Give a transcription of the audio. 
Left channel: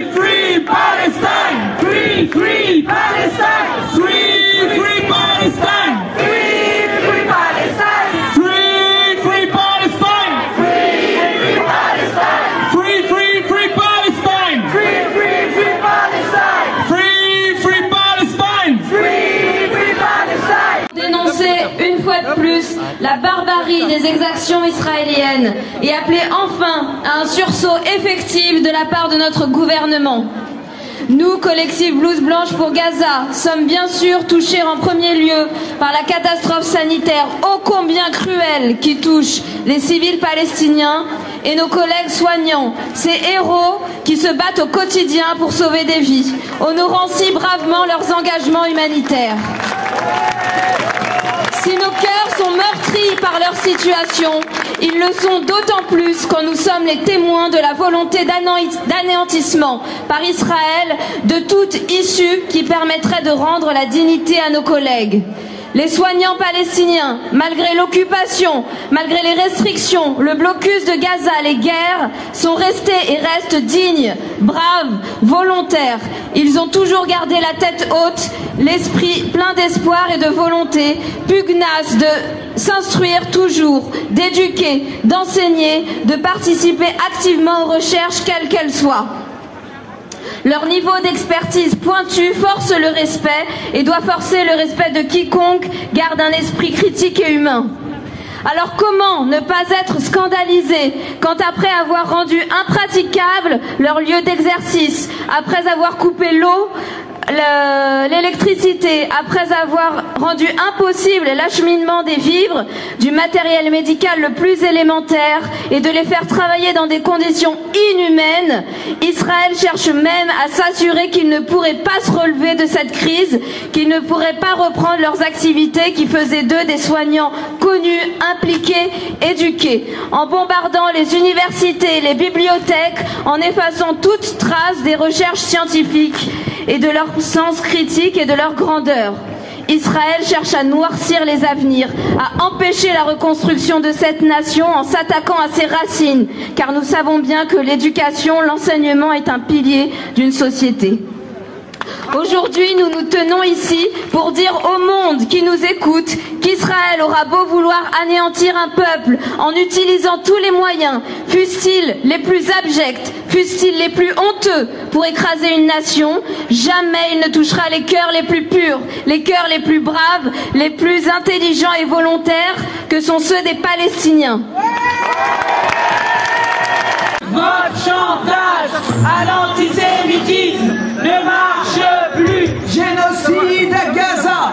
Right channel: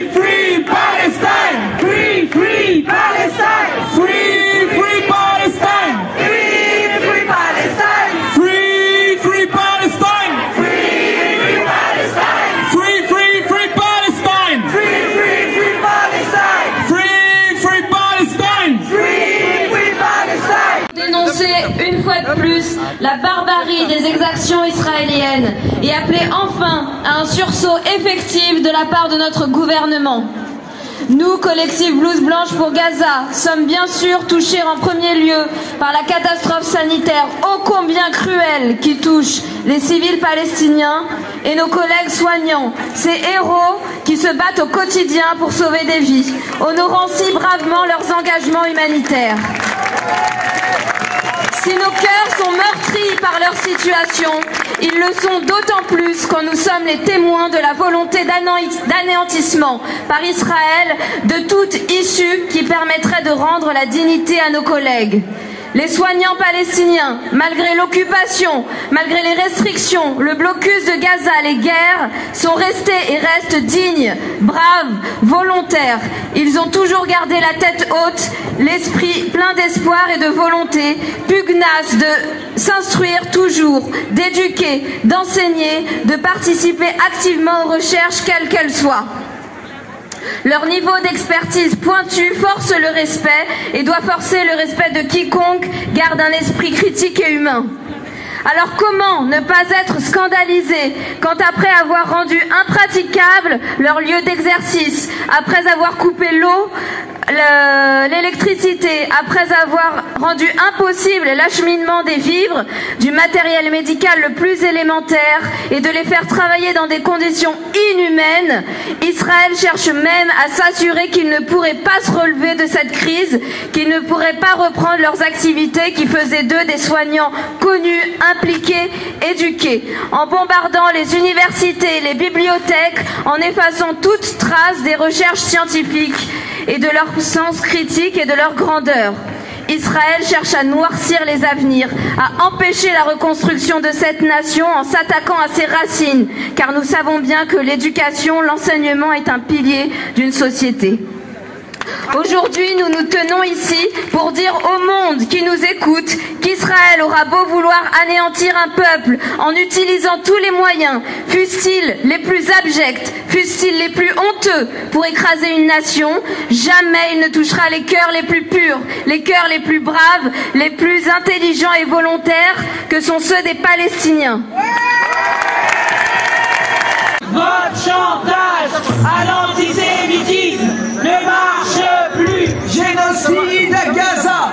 Free Palestine! Free, free Palestine! Free, free Palestine! Free, free Palestine! Free, free Palestine! Free, free Palestine! Free, free, free Palestine! Free, free, free Palestine! Free, free Palestine! Free, free Palestine! Dénoncer une fois de plus la barbarie des exactions israéliennes et appeler enfin à un sursaut effectif de la part de notre gouvernement. Nous, collectif Blouse Blanche pour Gaza, sommes bien sûr touchés en premier lieu par la catastrophe sanitaire ô combien cruelle qui touche les civils palestiniens et nos collègues soignants, ces héros qui se battent au quotidien pour sauver des vies, honorant si bravement leurs engagements humanitaires. Si nos cœurs sont meurtris par leur situation, ils le sont d'autant plus quand nous sommes les témoins de la volonté d'anéantissement par Israël de toute issue qui permettrait de rendre la dignité à nos collègues. Les soignants palestiniens, malgré l'occupation, malgré les restrictions, le blocus de Gaza, les guerres, sont restés et restent dignes, braves, volontaires. Ils ont toujours gardé la tête haute, l'esprit plein d'espoir et de volonté, pugnace de s'instruire toujours, d'éduquer, d'enseigner, de participer activement aux recherches quelles qu'elles soient. Leur niveau d'expertise pointu force le respect et doit forcer le respect de quiconque garde un esprit critique et humain. Alors comment ne pas être scandalisé quand après avoir rendu impraticable leur lieu d'exercice, après avoir coupé l'eau, l'électricité, après avoir rendu impossible l'acheminement des vivres, du matériel médical le plus élémentaire et de les faire travailler dans des conditions inhumaines, Israël cherche même à s'assurer qu'ils ne pourraient pas se relever de cette crise, qu'ils ne pourraient pas reprendre leurs activités qui faisaient d'eux des soignants connus, impliqués, éduqués, en bombardant les universités, les bibliothèques, en effaçant toute trace des recherches scientifiques et de leur sens critique et de leur grandeur. Israël cherche à noircir les avenirs, à empêcher la reconstruction de cette nation en s'attaquant à ses racines, car nous savons bien que l'éducation, l'enseignement est un pilier d'une société. Aujourd'hui, nous nous tenons ici pour dire au monde qui nous écoute qu'Israël aura beau vouloir anéantir un peuple en utilisant tous les moyens, fussent-ils les plus abjects, fussent-ils les plus honteux pour écraser une nation, jamais il ne touchera les cœurs les plus purs, les cœurs les plus braves, les plus intelligents et volontaires que sont ceux des Palestiniens. Votre chantage à l'antisémitisme ne marche plus. Génocide à Gaza.